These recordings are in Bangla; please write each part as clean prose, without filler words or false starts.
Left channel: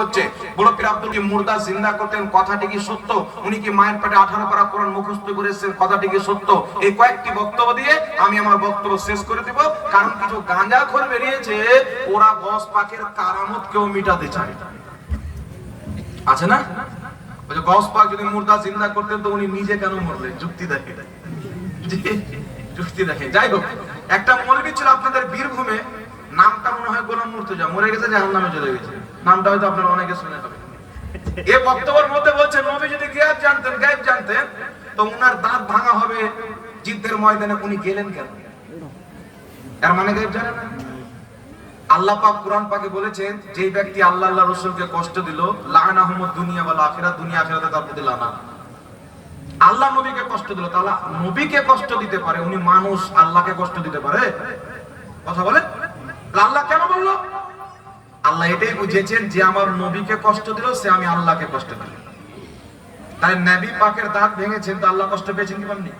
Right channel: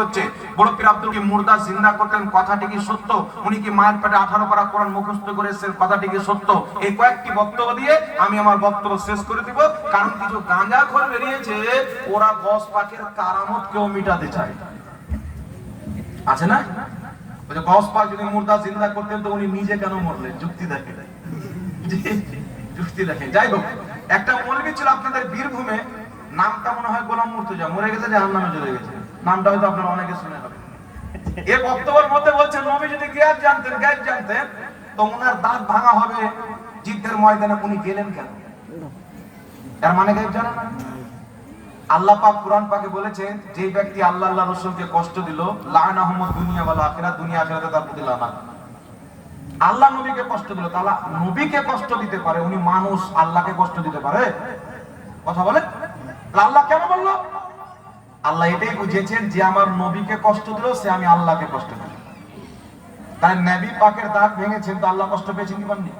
হচ্ছে। বড় পীর আব্দুল কি মুর্দা জিন্দা করতেন, কথাটি কি সত্য? উনি কি মায়ের পেটে 18 পারা কোরআন মুখস্থ করেছেন, কথাটি কি সত্য? এই কয়েকটি বক্তব্য দিয়ে আমি আমার বক্তব্য শেষ করে দিব। কারণ কিছু গাঁজাখোর বেরিয়েছে, ওরা গস পাকের কারামত কেউ মিটাতে চায়, আছে না? বলে গস পাক যদি মুর্দা জিন্দা করতেন তো উনি নিজে কেন মরলেন? যুক্তি দেখে, যুক্তি দেখে। যাই হোক, একটা মৌলবী ছিল আপনাদের বীরভূমে, নামটা মনে হয় গোলাম মুর্তজা, মরে গেছে, জাহান্নামে চলে গেছে। নামটা হয়তো আপনারা অনেকে শুনে হবে। এই বক্তব্যের মধ্যে বলছেন নবী যদি গায়েব জানতেন তো উনার দাঁত ভাঙা হবে যুদ্ধের ময়দানে, উনি গেলেন কেন? এর মানে গায়েব জানেন না? আল্লাহ পাক কোরআন পাকে বলেছেন, যে ব্যক্তি আল্লাহ রাসূলকে কষ্ট দিল, লাআনাহুমুদ দুনিয়া ওয়াল আখিরাত, দুনিয়া আখিরাতে তার প্রতি লানাত। আল্লাহ নবীকে কষ্ট দিল, তাহলে নবীকে কষ্ট দিতে পারে, উনি মানুষ, আল্লাহকে কষ্ট দিতে পারে? কথা বলেন। আল্লাহ কেন বললো? আল্লাহ এটাই বুঝিয়েছেন যে আমার নবীকে কষ্ট দিল সে আমি আল্লাহকে কষ্ট দিল। তাই নবী পাকের দাঁত ভেঙেছেন তো আল্লাহ কষ্ট পেয়েছেন কি পাননি?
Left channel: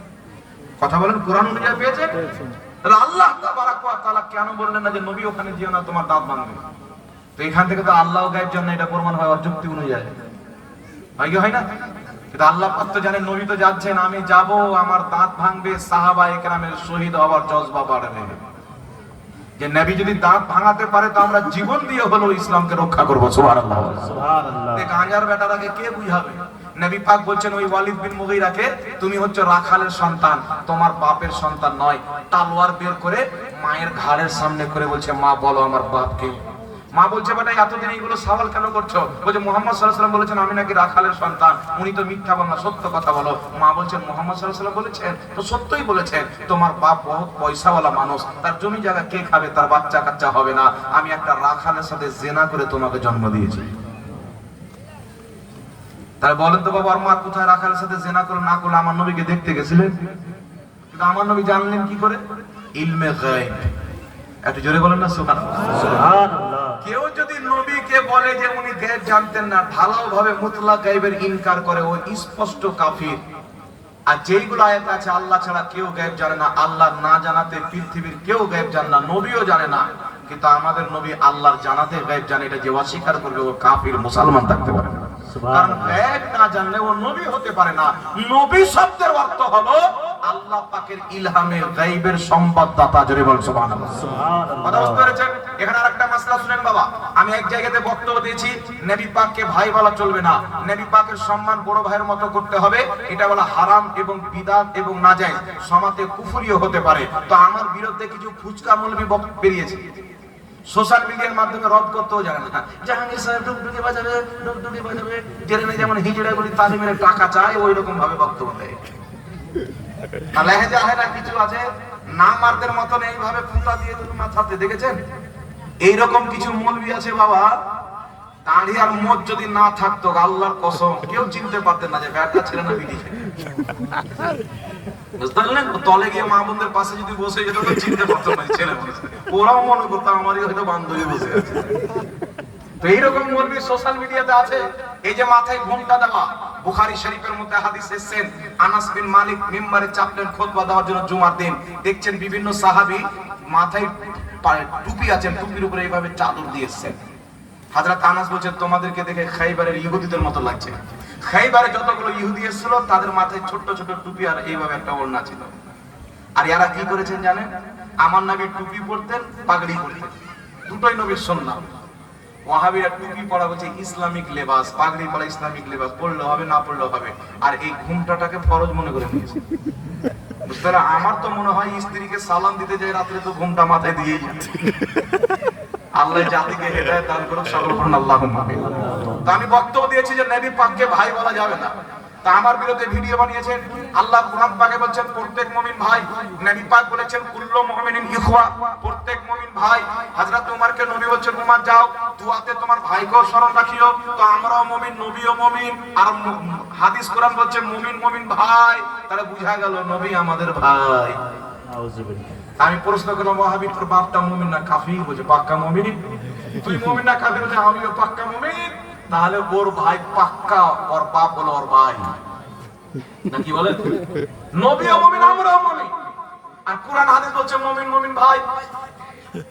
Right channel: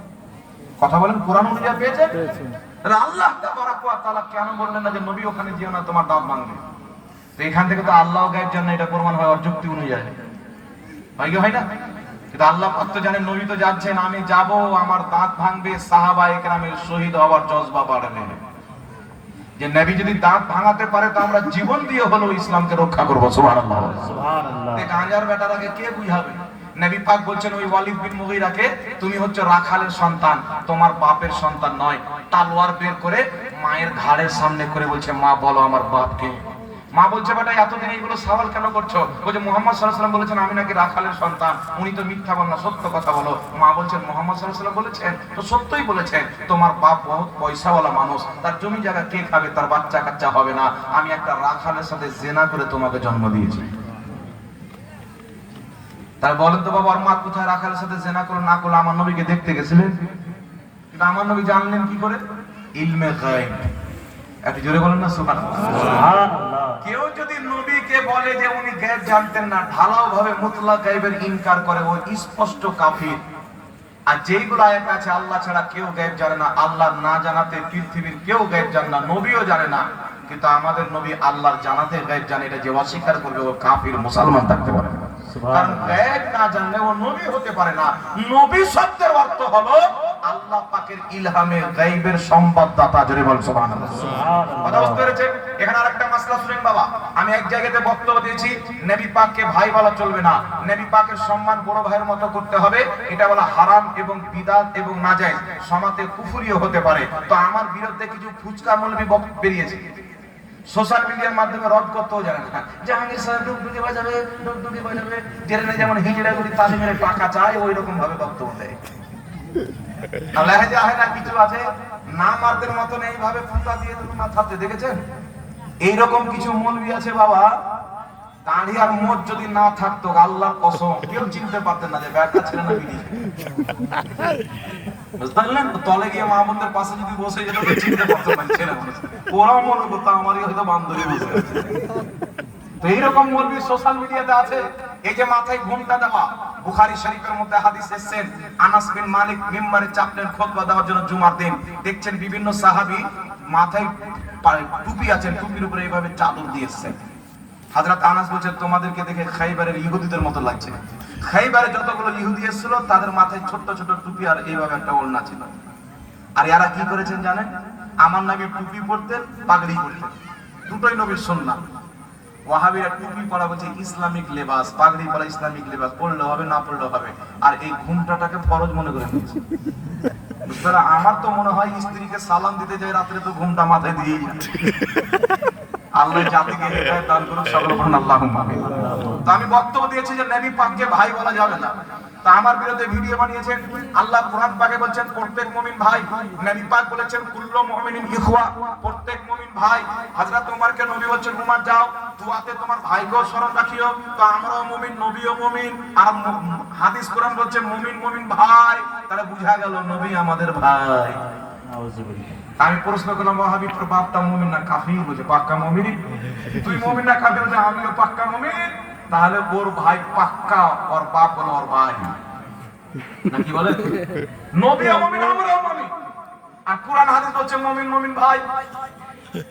কথা বলেন, কোরআন অনুযায়ী পেয়েছেন। তাহলে আল্লাহ তাবারাক ওয়া তাআলা কেন বললেন না যে নবী ওখানে যেও না, তোমার দাঁত ভাঙবে? তো এখান থেকে তো আল্লাহ গায়েব জানেন, এটা প্রমাণ হয় ওর যুক্তি অনুযায়ী, হয় কি হয় না? কিন্তু আল্লাহ পাক তো জানেন নবী তো যাচ্ছেন, আমি যাব, আমার দাঁত ভাঙবে, সাহাবায়ে কেরামের শহীদ হওয়ার জজবা বাড়বে। যে নবী যদি দাঁত ভাঙাতে পারে তো আমরা জীবন দিয়ে হলেও ইসলামকে রক্ষা করব। সুবহানাল্লাহ, সুবহানাল্লাহ। এই গাঁজার বেটারাকে কে বুঝাবে? নবী পাক বলছেন ওই ওয়ালিদ বিন মুগীরাকে, তুমি হচ্ছে রাখালের সন্তান, তোমার বাপের সন্তান নয়। তলোয়ার বের করে মায়ের ঘাড়ের সামনে করে বলছে, মা বলো আমার বাপকে। মা বলছে, বেটা এতদিন এইগুলো সওয়াল কেন করছো? বলছে মুহাম্মদ সাল্লাল্লাহু আলাইহি ওয়াসাল্লাম বলেছেন আমি নাকি রাখালের সন্তান, উনি তো মিথ্যা বলেন না, সত্য কথা বলো। মা বলছেন মুহাম্মদ সাল্লাল্লাহু আলাইহি ওয়াসাল্লাম বলেছেন তো সত্যই বলেছেন, তোমার বাপ বহুত পয়সাওয়ালা মানুষ, তার জমি জায়গা কে খাবে, তার বাচ্চা কাচ্চা হবে না, আমি একটা রাখালের সাথে জিনা করে তোমাকে জন্ম দিয়েছি। তাই বলেন তো বাবা, আর মা কোথায় রাখালের সাথে জিনা করে না করলে আমার নবীকে দেখতে গেছিলেন? কিন্তু আমার নবী জানলেন কি করে? ইলমে গায়ব। একটু জোরে বলেন না সুবহানাল্লাহ, সুবহানাল্লাহ। কেউ যদি নবীকে বলে যে উনি গায়েব জানতেন না, ঢালাও ভাবে মুতলাক গায়েবের ইনকার করে, ও স্পষ্ট কাফির। আর যেইগুলো আয়াত আছে আল্লাহ ছাড়া কেউ গায়েব জানে না, আল্লাহ না জানাতে পৃথিবীর কেউ গায়েব জানে না, নবীও জানে না। কিন্তু আমাদের নবী আল্লাহর জানাতে গায়েব জানে, এটা যে অস্বীকার করবে ও কাফির, মুসলমান থাকতে পারে না। কারণ গায়েব না জানলে ও নবী হতে পারে না। নবী শব্দের অর্থ হলো আল্লাহ পাকের ইলহামের গায়বের সংবাদদাতা। জোরে বল সুবহানাল্লাহ, সুবহানাল্লাহ। কথা বুঝতে পেরেছেন? এখানে আরেকটা মাসলা শুনেন বাবা। আমি এক জায়গাতে বক্তব্য দিয়েছি, নবী পাককে ভাই বলা চলবে না, নবী পাকের সম্মান বড় ভাইয়ের মতো করতে হবে। এটা বলা হারাম এবং বিদআত এবং নাজায়েজ, সমাজে কুফরিও হতে পারে। তো আমার বিরুদ্ধে কিছু ফুচকা মৌলবি বেরিয়েছে, সোশ্যাল মিডিয়ার মাধ্যমে রদ করতেও জানে না। জাহাঙ্গীর সাহেব ডুগডুগি বাজাবে, ডুগডুগি বাজাবে, ট্রেনে যেমন হিজড়াগুলি তালিমের টাকা চায় ওই রকম ভাবে বক্তব্য দেয়। লেহেজা হয় না, কিছু আছে নামারদের মতন এইভাবে ফুটা দিয়ে দেবে মাথাতে, দেখেছেন? এইরকম কিছু মৌলবি আছে বাবা, দাড়ি আর মোজ যদি না থাকতো আল্লাহর কসম কেউ চিনতে পারতেন না যে ব্যাটা ছেলে না বিড়ি। বুঝতে পারলেন? তলে গিয়ে মা বোনদের পাশে যদি বসে যেত তো চিনতে পারতো না ছেলে মানুষ। ওরাও মনে করতো আমারই হয়তো বান্ধবী বসে আছে। তো এইরকম মৌলবি সোশ্যাল মিডিয়াতে আছে। এই যে মাথায় ঘোমটা দেওয়া, বুখারী শরীফের মধ্যে হাদিস এসেছেন, আনাস বিন মালিক মিম্বারে চাপলেন খুতবা দেওয়ার জন্য জুমার দিন, দেখছেন বিভিন্ন সাহাবী মাথায় টুপি আছেন, টুপির উপরে এইভাবে চাদর দিয়ে এসেছেন। হযরত আনাস বলছেন তোমাদেরকে দেখে খাইবারের ইহুদিদের মতো লাগছে। খাইবারে যতগুলো ইহুদি এসেছিল তাদের মাথায় ছোট ছোট টুপি আর এইভাবে একটা ওড়না ছিল। আর এরা কি করেছেন জানেন? আমার নবী টুপি পরতেন, পাগড়ি পরতেন, দুটোই নবীর সুন্নাহ। ওয়াহাবিরা টুপি পরা বলছে ইসলামিক লেবাস, পাগড়ি পরা ইসলামিক লেবাস, পড়লে হবে না পড়লে হবে। আর এই ঘুমটাটাকে ফরজ মনে করে নিয়েছে। বুঝতে পারলে? আমার তো মনে হয় স্ত্রীকে সালাম দিতে যাই রাত্রে তো ঘুমটা মাথায় দিয়েই যায়। আল্লাহ জাতিকে হেদায়েত দান করুক, সকলে বলুন আল্লাহুম্মা আমিন। তো আমি বক্তব্য দিয়েছি যে নবী পাককে ভাই বলা যাবে না। তা আমার বিরুদ্ধে ভিডিও বানিয়েছেন। আল্লাহ কোরআন পাকে বলছেন প্রত্যেক মুমিন ভাই, নবী পাক বলেছেন কুল্লু মুমিনিন ইখওয়া, প্রত্যেক মুমিন ভাই। হযরত ওমরকে নবী বলছেন ওমর যাও দুআতে তোমার ভাইকেও স্মরণ রাখিও। তো আমরাও মুমিন, নবীও মুমিন, আর হাদিস কোরআন বলছে মুমিন মুমিন ভাই, তাহলে বুঝা গেল নবী আমাদের ভাই। আউযুবিল্লাহ। আমি প্রশ্ন করলাম ওয়াহাবি তোর বাপটা মুমিন না কাফির? বলছে পাক্কা মুমিন। তুই মুমিন না কাফির? বলছে আমিও পাক্কা মুমিন। তাহলে ওর ভাই পাক্কা, ওর বাপ হলো ওর ভাই, নাকি বলে? নবীও মুমিন, আমরাও মুমিন, আর কোরআন হাদিস বলছে মুমিন মুমিন ভাই।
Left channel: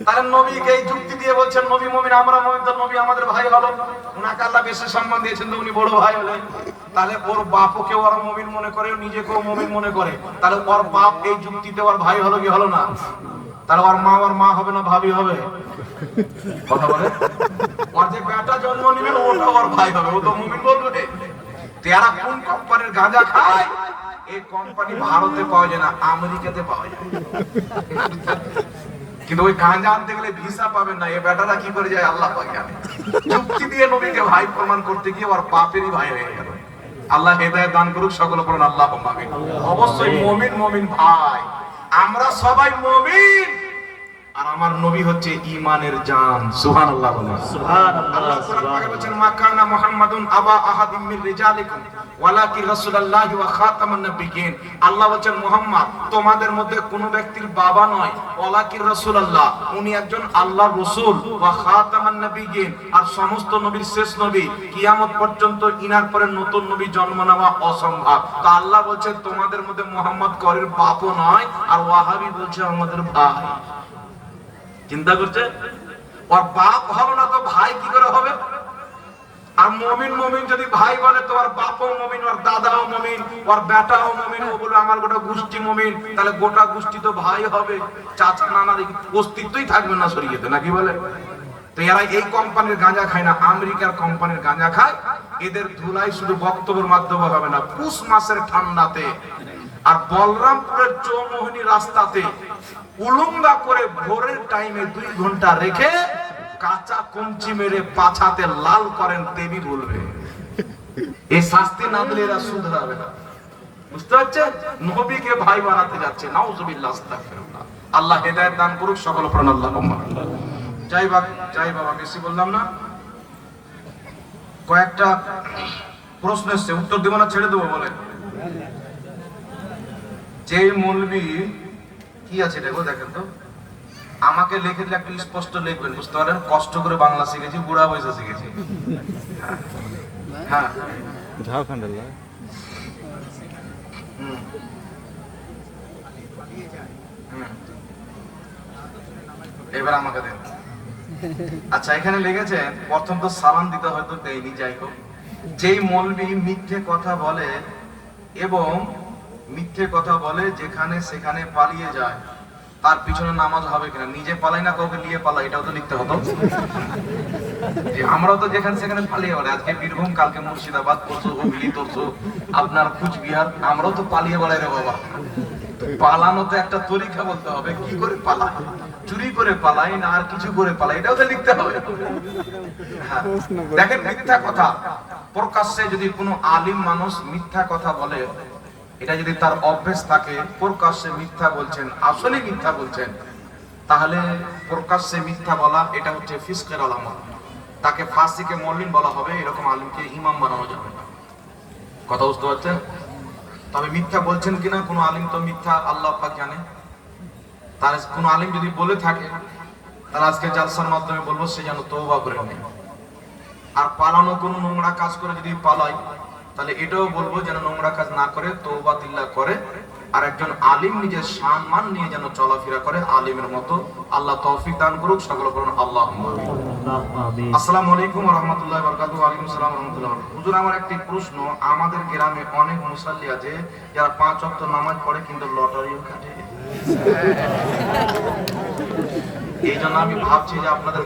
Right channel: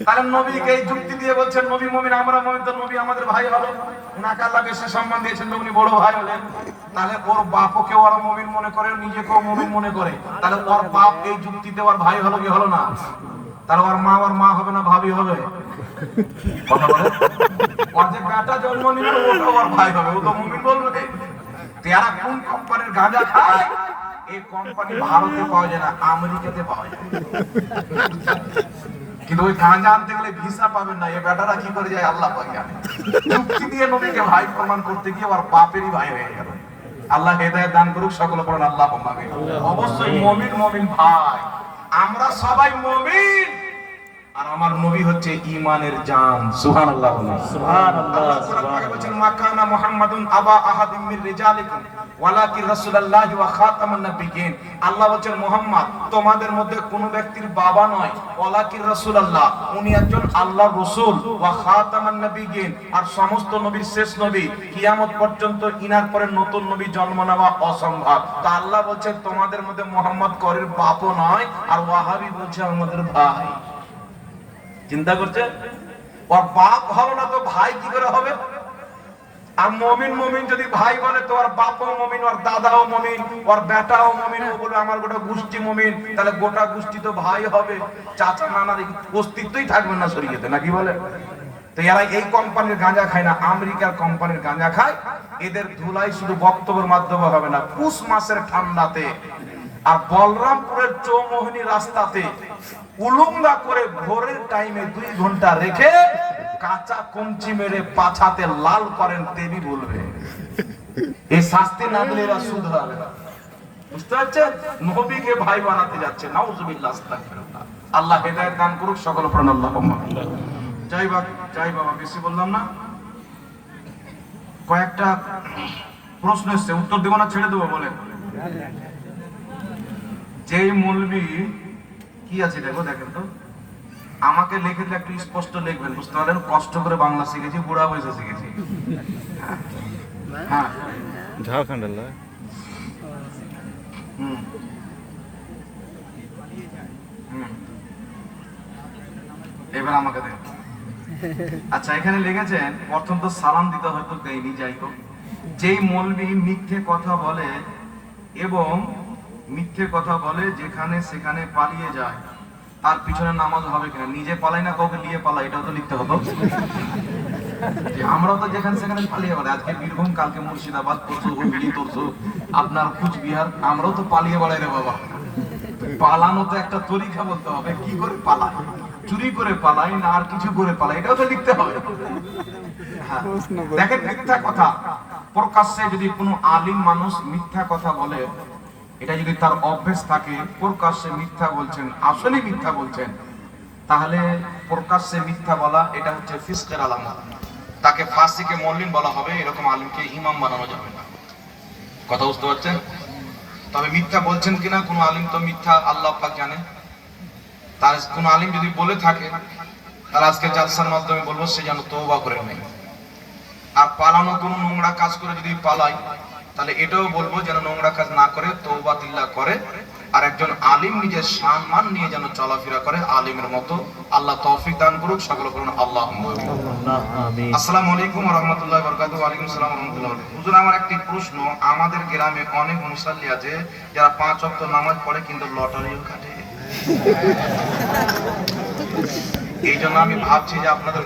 তাহলে নবীকে এই যুক্তি দিয়ে বলছেন নবী মুমিন, আমরা মুমিন, তো নবী আমাদের ভাই হলো, উনাকে আল্লাহ বেশি সম্মান দিয়েছেন তো উনি বড় ভাই হলেন। তাহলে ওর বাপকে ওরা মুমিন মনে করে, নিজেকেও মুমিন মনে করে, তাহলে ওর বাপ এই যুক্তিতে ওর ভাই হলো কি হলো না? তাহলে ওর মা হবে না ভাবি হবে? ওর যে বেটা জন্ম নিবে ওটা ওর ভাই হবে, ও তো মুমিন বলবে। তেরা কোন কোম্পানির গাঁজা খায়? এই কোম্পানি ভারতে পাওয়া যায় না, আমেরিকাতে পাওয়া যায়। কিন্তু ওই গাঁজা আনতে গেলে ভিসা পাবেন না। এই বেটারা কি করে যায় আল্লাহ পাক জানে। যুক্তি দিয়ে নবীকে ভাই প্রমাণ করতে গিয়ে ওর বাপেরই ভাই হয়ে গেল। আল্লাহ হেদায়েত দান করুক, সকলে বলেন আল্লাহুম্মা আমিন। অবশ্যই মুমিন ভাই, আমরা সবাই মুমিন, আর আমার নবী হচ্ছে ঈমানের জান। সুবহানাল্লাহ, সুবহানাল্লাহ। আল্লাহ বলেন মাকানা মুহাম্মাদুন আবা আহাদিম মির রিজালিকুম ওয়ালাকিন রাসূলুল্লাহি ওয়া খাতামান নাবিয়্যিন। আল্লাহ বলেন মুহাম্মদ তোমাদের মধ্যে কোন ব্যক্তির বাবা নয়, ওয়ালাকিন রাসূলুল্লাহ, উনি একজন আল্লাহর রাসূল, ওয়া খাতামান নাবিয়্যিন, আর সমস্ত নবীর শেষ নবী। কিয়ামত পর্যন্ত ইনার পরে নতুন নবী জন্ম নেওয়া অসম্ভব। তো আল্লাহ বলেন তোমাদের মধ্যে মুহাম্মদ করির বাপও নয়, আর ওয়াহাবি বলছে আমাদের ভাই। চিন্তা করছে, ওর বাপ হলো না তো ভাই কি করে হবে? আর মুমিন যদি ভাই বলে তো ওর বাপও মুমিন, ওর দাদাও মুমিন, ওর বেটাও মুমিন, ও বলে আমার গোটা গোষ্ঠী মুমিন, তাহলে গোটা গোষ্ঠী তো ভাই হবে। চাচা নানার অস্তিত্বই থাকবে না শরীয়তে, নাকি বলে? তো এরা এই কোম্পানির গাঁজা খায় না, আমেরিকার কোম্পানির গাঁজা খায়। এদের ধুলাই শুধু বক্তব্যের মাধ্যমে হবে না, পুষ মাসের ঠান্ডাতে আর বলরামপুরের চৌমোহনী রাস্তাতে উলুঙ্গা করে ভোরের টাইমে 2 ঘন্টা রেখে কাঁচা কঞ্চি মেরে পাছাতে লাল করেন, দেবী বলবে। এই শাস্তি না দিলে এরা শুধরাবে না। বুঝতে পারছেন? নবীকে ভাই বানাতে যাচ্ছে, নাউজুবিল্লাহ, আস্তাগফিরুল্লাহ। আল্লাহ হেদায়েত দান করুক, সকল প্রাণ আল্লাহুম্মা। যাই বাবা, বেশি বললাম না। কয়েকটা প্রশ্ন এসছে, উত্তর দেব না ছেড়ে দেবো বলেন? যে মৌলবী কি আছে দেখো, দেখেন তো, আমাকে লিখে দিলে একটু স্পষ্ট লিখবেন, বুঝতে পারলেন? কষ্ট করে বাংলা শিখেছি, বুড়া বয়সে শিখেছি। হ্যাঁ, ঝাড়খণ্ড। এবার আমাকে দেন। আচ্ছা, এখানে লিখেছেন, প্রথম তো সালাম দিতে হয়তো দেয়নি, যাই হোক, যেই মৌলবী মিথ্যে কথা বলে এবং মিথ্যে কথা বলে যেখানে সেখানে পালিয়ে যায়, তার পিছনে নামাজ হবে কিনা? নিজে পালাই না, কাউকে নিয়ে পালাই, এটাও তো লিখতে হতো। আমরাও তো যেখানে সেখানে পালিয়ে বেড়াই। আজকে বীরভূম, কালকে মুর্শিদাবাদ, পরশু হুগলি, তরশু আপনার কুচবিহার, আমরাও তো পালিয়ে বেড়াই রে বাবা। পালানো তো একটা তরিকা বলতে হবে, কি করে পালাই? চুরি করে পালাই না আর কিছু করে পালাই, এটাও তো লিখতে হবে। দেখেন, মিথ্যা কথা প্রকাশ্যে যদি কোনো আলিম মানুষ মিথ্যা কথা বলে, এটা যদি তার অভ্যেস থাকে, প্রকাশ্যে মিথ্যা বলছেন, আসলে মিথ্যা বলছেন, তাহলে প্রকাশ্যে মিথ্যা বলা এটা হচ্ছে ফিসকের আলামত। তাকে ফাসিকে মুল্লিন বলা হবে, এরকম আলিমকে ইমাম বানানো যাবে না। কথা বুঝতে পারছেন? তবে মিথ্যা বলছেন কিনা কোনো আলিম, তো মিথ্যা আল্লাহ পাক জানে। তার কোনো আলিম যদি বলে থাকে, তাহলে আজকে জালসার মাধ্যমে বলবো সে যেন তওবা করে নেয়। আর পালানো কোনো নোংরা কাজ করে যদি পালাই, তাহলে এটাও বলবো যেন নোংরা কাজ না করে, তওবা তিল্লাহ করে। আর একজন আলিম নিজের সম্মান নিয়ে যেন চলাফেরা করে আলিমের মতো। আল্লাহ তৌফিক দান করুক, সকলে বলুন আল্লাহুম্মা আমিন। আসসালামু আলাইকুম ওয়া রাহমাতুল্লাহি ওয়া বারাকাতুহু। ওয়া আলাইকুম আসসালাম ওয়া রাহমাতুল্লাহি ওয়া বারাকাতুহু। হুজুর, আমার একটি প্রশ্ন, আমাদের গ্রামে অনেক মুসাল্লি আছে যারা 5 ওয়াক্ত নামাজ পড়ে কিন্তু লটারিও কাটে। এই জন্য আমি ভাবছি যে আপনাদের